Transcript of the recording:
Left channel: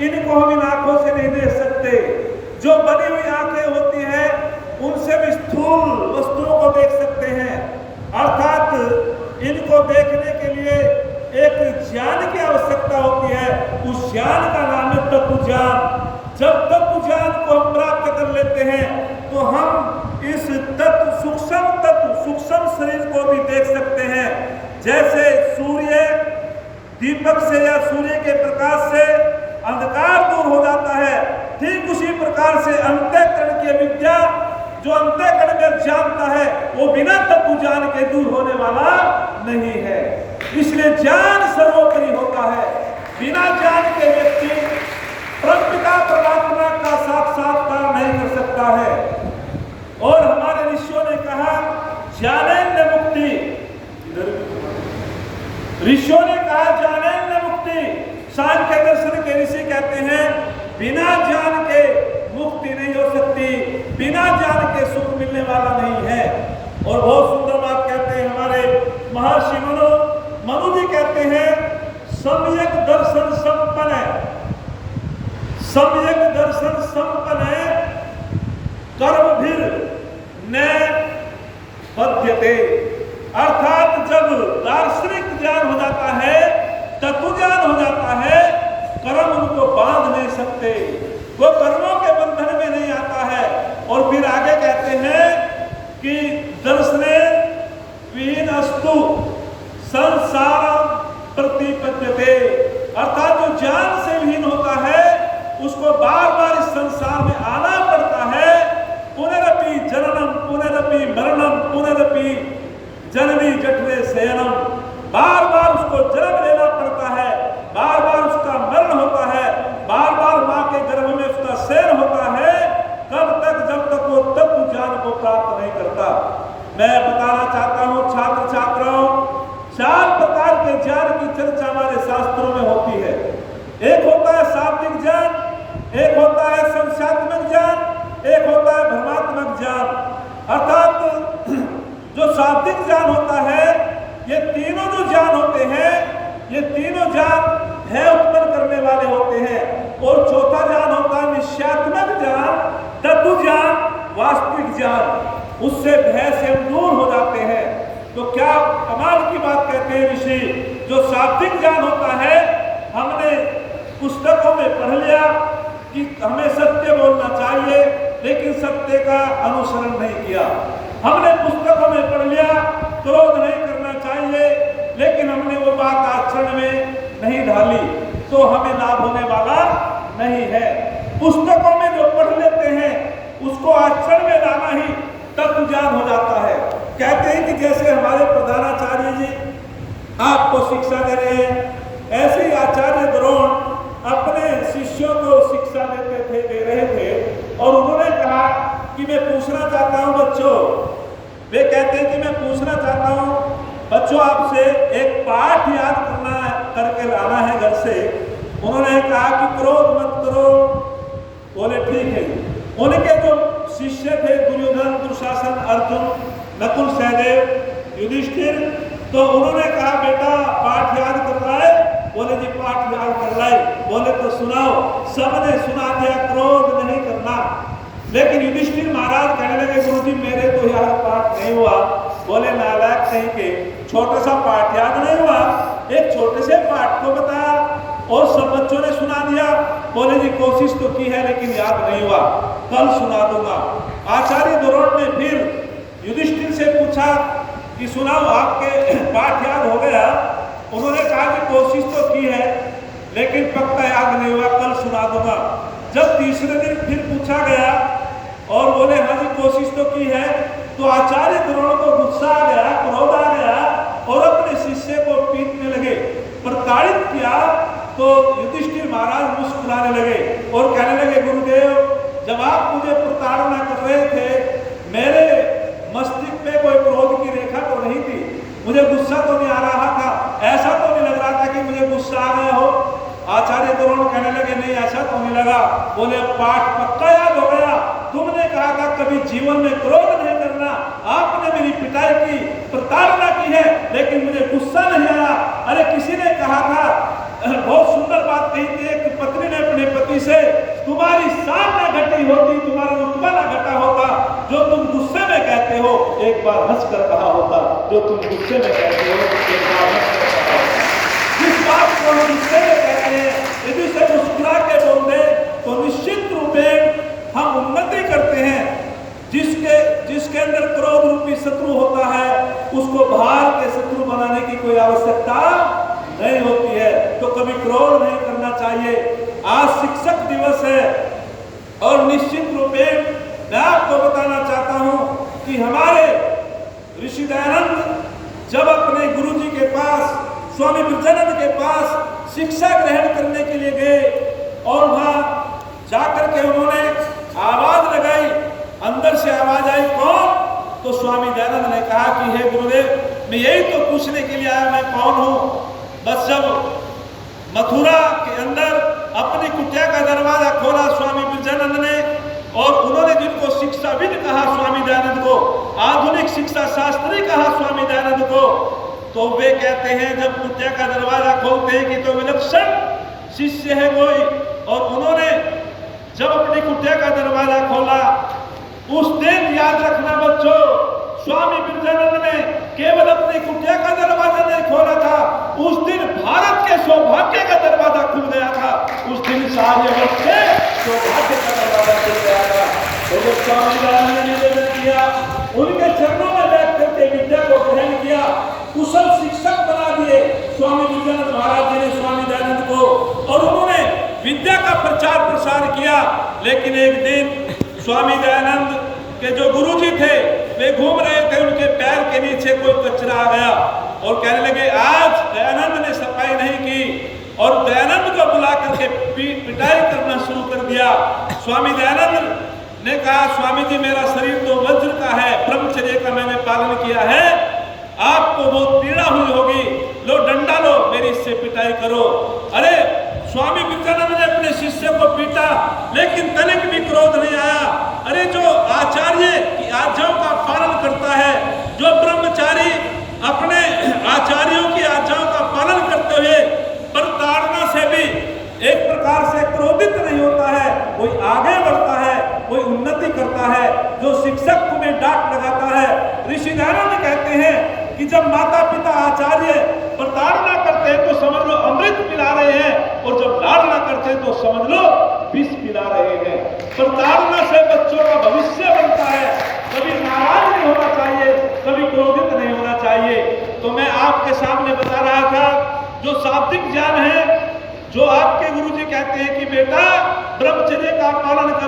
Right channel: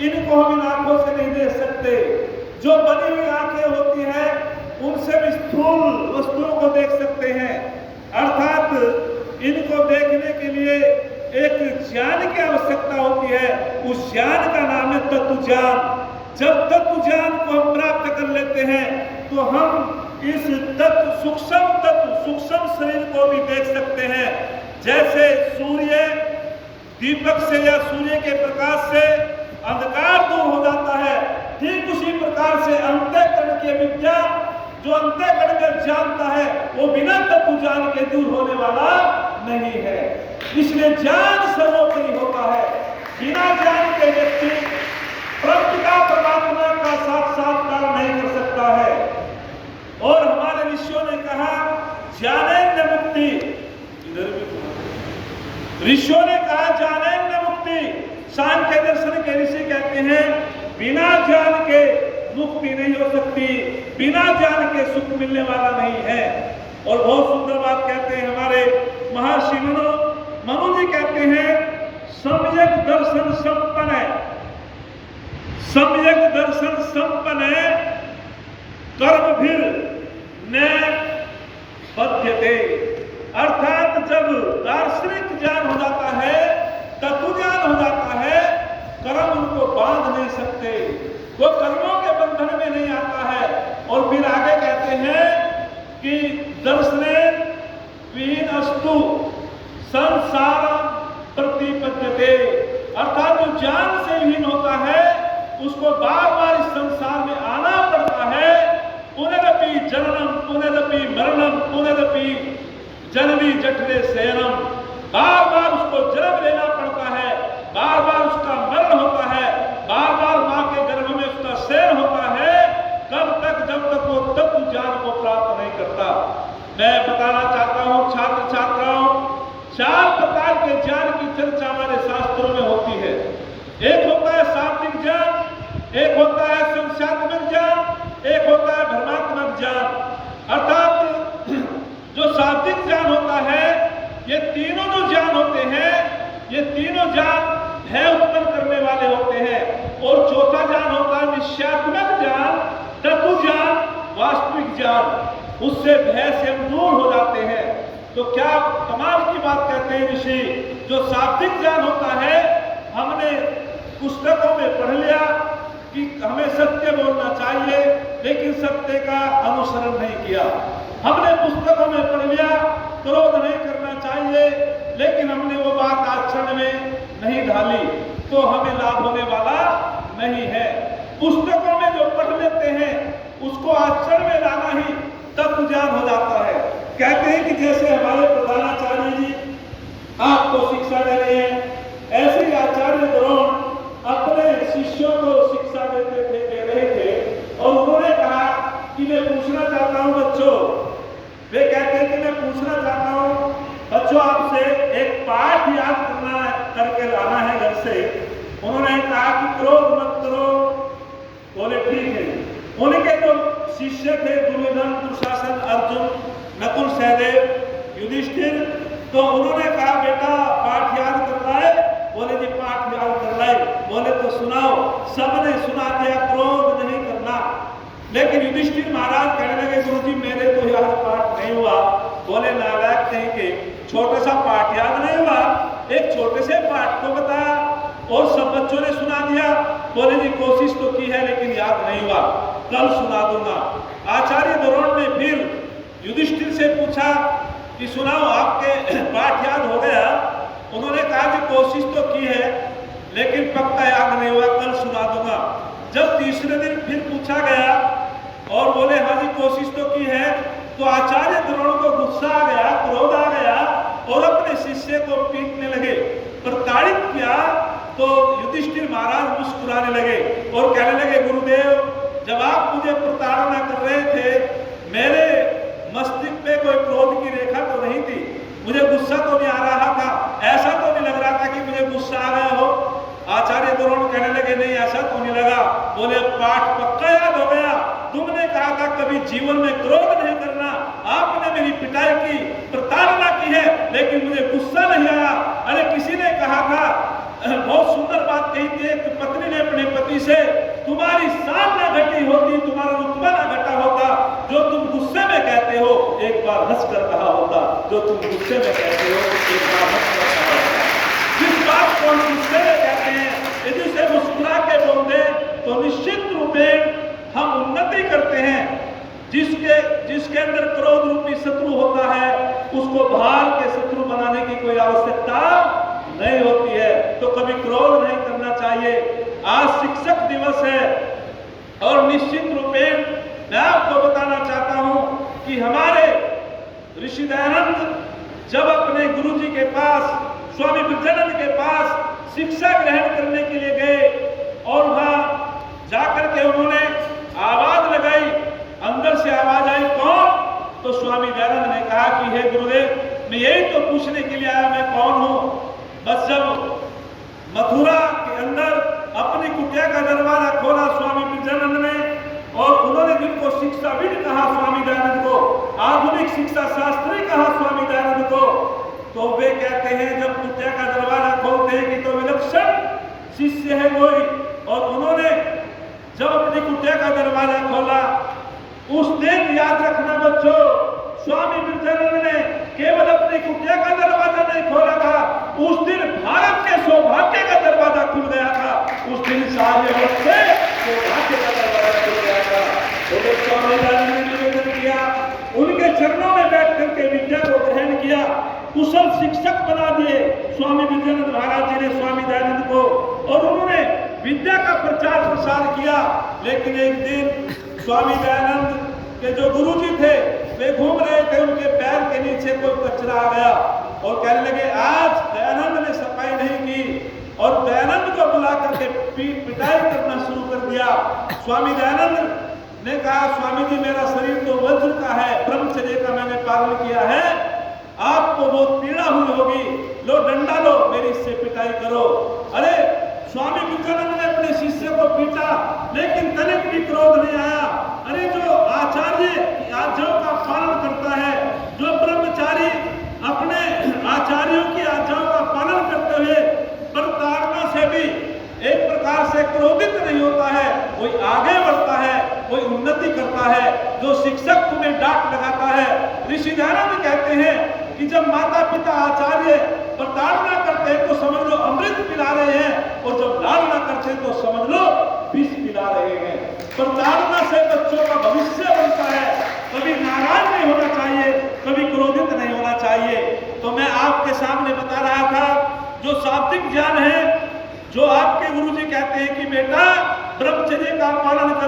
इनको हम इन आंखों से नहीं देख सकते। जो बनी हुई आंखें होती है उनसे भी स्थूल वस्तुओं को देख सकते हैं। अर्थात इनको देखने के लिए एक ज्ञान की आवश्यकता होती है। उस ज्ञान का नाम है तत्व ज्ञान। जब तत्व ज्ञान को हम प्राप्त कर लेते हैं तो हम इस सूक्ष्म शरीर को भी देख सकते हैं। जैसे सूर्य दीपक से या सूर्य के प्रकाश से अंधकार दूर हो जाता है, ठीक उसी प्रकार से अंतःकरण की विद्या जो अंतःकरण में जानता है वो बिना तत्व ज्ञान के दूर होने वाला नहीं है। इसलिए ज्ञान सर्वोपरि होता है। बिना ज्ञान के व्यक्ति परमपिता परमात्मा का साक्षात्कार नहीं कर सकता है। और हमारे ऋषियों ने कहा ज्ञानेन्द्र मुक्ति, इधर भी ऋषियों ने कहा ज्ञानेन्द्र मुक्ति। सांख्य दर्शन के ऋषि कहते हैं बिना ज्ञान के मुक्ति नहीं हो सकती, बिना ज्ञान के सुख मिलने वाला नहीं है। और बहुत सुंदर बात कहते हैं हमारे महर्षि मनु जी कहते हैं सम्यक दर्शन संपन्न है, सम्यक दर्शन संपन्न है कर्म भीर न बध्यते। अर्थात जब दार्शनिक ज्ञान हो जाता है, तत्व ज्ञान हो जाता है, कर्म उनको बांध नहीं सकते, वो कर्मों के बंधन में नहीं आता है। और फिर आगे कहते हैं कि दर्शने विहीनस्तु संसार प्रतिपद्यते। अर्थात जो ज्ञान से विहीन होता है उसको बार बार इस संसार में आना पड़ता है। पुनरपि जननम पुनरपि मरणम पुनरपि जननी जठरे शयनम। बार बार उसको जन्म लेना पड़ता है, बार बार उसका मरण होता है, बार बार मां के गर्भ में उसका शयन होता है। कब तक? जब तक वो तत्व ज्ञान को प्राप्त नहीं करता। मैं बताना चाहता हूं छात्र छात्राओं, 4 प्रकार के ज्ञान की चर्चा हमारे शास्त्रों में होती है। एक होता है शाब्दिक ज्ञान, एक होता है संख्यात्मक ज्ञान, एक होता है भ्रमात्मक ज्ञान। अर्थात जो शाब्दिक ज्ञान होता है, ये तीनों जो ज्ञान होते हैं, ये तीनों ज्ञान भय उत्पन्न करने वाले होते हैं। और चौथा ज्ञान होता है निश्चयात्मक ज्ञान, तत्व ज्ञान, वास्तविक ज्ञान। उससे भय से हम दूर हो जाते हैं। तो क्या कमाल की बात कहते हैं ऋषि, जो शाब्दिक ज्ञान होता है हमने पुस्तकों में पढ़ लिया कि हमें सत्य बोलना चाहिए, लेकिन सत्य का अनुसरण नहीं किया। हमने पुस्तकों में पढ़ लिया क्रोध नहीं करना चाहिए, लेकिन हमने वो बात आचरण में नहीं ढाली, तो हमें लाभ होने वाला नहीं है। पुस्तकों में जो पढ़ लेते हैं उसको आचरण में लाना ही तत्व ज्ञान हो जाता है। कहते हैं कि जैसे हमारे प्रधानाचार्य जी आपको शिक्षा दे रहे हैं, ऐसे ही आचार्य द्रोण अपने शिष्यों को शिक्षा दे रहे थे। और उन्होंने कहा कि मैं पूछना चाहता हूं बच्चों, वे कहते हैं कि मैं पूछना चाहता हूं बच्चों आपसे एक पाठ याद करके लाना है घर से। उन्होंने कहा कि क्रोध मत करो। बोले ठीक है। उनके जो शिष्य थे दुर्योधन, दुशासन, अर्जुन, नकुल, सहदेव, युधिष्ठिर, तो उन्होंने कहा बेटा पाठ याद करवाए। बोले जी पाठ याद कर लाए। बोले तो सुनाओ। सबने सुना दिया क्रोध नहीं करना। लेकिन युधिष्ठिर महाराज कहने लगे गुरु जी मेरे तो याद पाठ नहीं हुआ। बोले नालायक कहीं के, छोटा सा पाठ याद नहीं हुआ, एक छोटे से पाठ को बताया और सब बच्चों ने सुना दिया। बोले जी कोशिश तो की है लेकिन याद नहीं हुआ, कल सुना दूंगा। आचार्य द्रोण ने फिर युधिष्ठिर से पूछा कि सुनाओ आपके पाठ याद हो गया। उन्होंने कहा कि कोशिश तो की है लेकिन पक्का याद नहीं हुआ, कल सुना दूंगा। जब तीसरे दिन फिर पूछा गया और बोले हाँ जी कोशिश तो की है, तो आचार्य द्रोण को गुस्सा आ गया, क्रोध आ गया और अपने शिष्य को पीटने लगे, प्रताड़ित किया। तो युधिष्ठिर महाराज मुस्कुराने लगे और कहने लगे गुरुदेव जब आप मुझे प्रताड़ना कर रहे थे मेरे मस्तिष्क पे कोई क्रोध की रेखा तो नहीं थी, मुझे गुस्सा तो नहीं आ रहा था, ऐसा तो नहीं लग रहा था कि मुझे गुस्सा आ गया हो। आचार्य द्रोण कहने लगे नहीं ऐसा तो नहीं लगा। बोले पाठ पक्का याद हो गया, तुमने कहा था कभी जीवन में क्रोध नहीं करना, आपने मेरी पिटाई की, प्रताड़ना की है, लेकिन मुझे गुस्सा नहीं आया। अरे किसी ने कहा था, बहुत सुंदर बात कही थी, एक पत्नी ने अपने हंस कर कहा होता, जो तुम गुस्से में कहते हो एक बार हंस कर कहा होता। जिस बात को हम गुस्से में कहते हैं, यदि उसे मुस्कुरा के बोल दे तो निश्चित रूप में हम उन्नति करते हैं। जिसके अंदर क्रोध रूपी शत्रु होता है, उसको बाहर के शत्रु बनाने की कोई आवश्यकता नहीं होती है। तो कभी क्रोध नहीं करना चाहिए। आज शिक्षक दिवस है और निश्चित रूप में मैं आपको बताना चाहता हूं कि हमारे ऋषि दयानंद जब अपने गुरुजी के पास, स्वामी ब्रजानंद के पास शिक्षा ग्रहण करने के लिए गए और वहां जाकर के उन्होंने आवाज लगाई, अंदर से आवाज आई, कौन? तो स्वामी दयानंद ने कहा कि हे गुरुदेव, मैं यही तो पूछने के लिए आया, मैं कौन हूं। बस जब मथुरा के अंदर अपनी कुटिया का दरवाजा खोला स्वामी ब्रजानंद ने, और उन्होंने जिनको शिक्षाविद कहा स्वामी दयानंद को, आधुनिक शिक्षा शास्त्री कहा स्वामी दयानंद को, तो वे कहते हैं जब कुटिया का दरवाजा खोलते हैं कि तो विलक्षण शिष्य है कोई। और उन्होंने जब अपनी कुटिया का दरवाजा खोला, उस दिन याद रखना बच्चों, स्वामी ब्रजानंद ने केवल अपनी कुटिया का दरवाजा नहीं खोला था, उस दिन भारत के सौभाग्य का दरवाजा खुल गया था। उस दिन सारे वर्ष के सौभाग्य का दरवाजा खुल गया था। तो वो स्वामी दयानंद ने निवेदन किया, उनके चरणों में बैठ करके विद्या को ग्रहण किया, कुशल शिक्षक बना दिए स्वामी ब्रजानंद महाराज जी ने स्वामी दयानंद को, और उन्होंने विद्या का प्रचार प्रसार किया। लेकिन एक दिन स्वामी दयानंद के जो गुरुजी थे वे घूम रहे थे, उनके पैर के नीचे कोई कचरा आ गया और कहने लगे आज दयानंद ने सफाई नहीं की, और दयानंद को बुला करके पिटाई करना शुरू कर दिया। स्वामी दयानंद ने कहा, स्वामी जी मेरा शरीर तो वज्र का है, ब्रह्मचर्य का मैंने पालन किया है, आपको बहुत पीड़ा हुई होगी, लो डंडा लो, मेरी इससे पिटाई करो। अरे स्वामी ब्रजानंद ने अपने शिष्य को पीटा, लेकिन तनिक भी क्रोध नहीं आया। अरे जो आचार्य की आज्ञाओं का पालन करता है, जो ब्रह्मचारी अपने आचार्यों की आज्ञाओं का पालन करते हुए प्रताड़ना से भी एक प्रकार से क्रोधित नहीं होता है, कोई आगे बढ़ता है, कोई उन्नति करता है। जो शिक्षक तुम्हें डांट लगाता है, ऋषि दयानंद कहते हैं कि जब माता पिता आचार्य प्रताड़ना करते हैं तो समझ लो अमृत पिला रहे हैं, और जब लाड़ना करते हैं तो समझ लो विष पिला रहे हैं। प्रताड़ना से बच्चों का भविष्य बनता है। कभी नाराज नहीं होना चाहिए, कभी क्रोधित नहीं होना चाहिए। तो मैं आपके सामने बता रहा था, जो शाब्दिक ज्ञान है, जो आपके गुरुजी कहते हैं कि बेटा ब्रह्मचर्य का पालन कर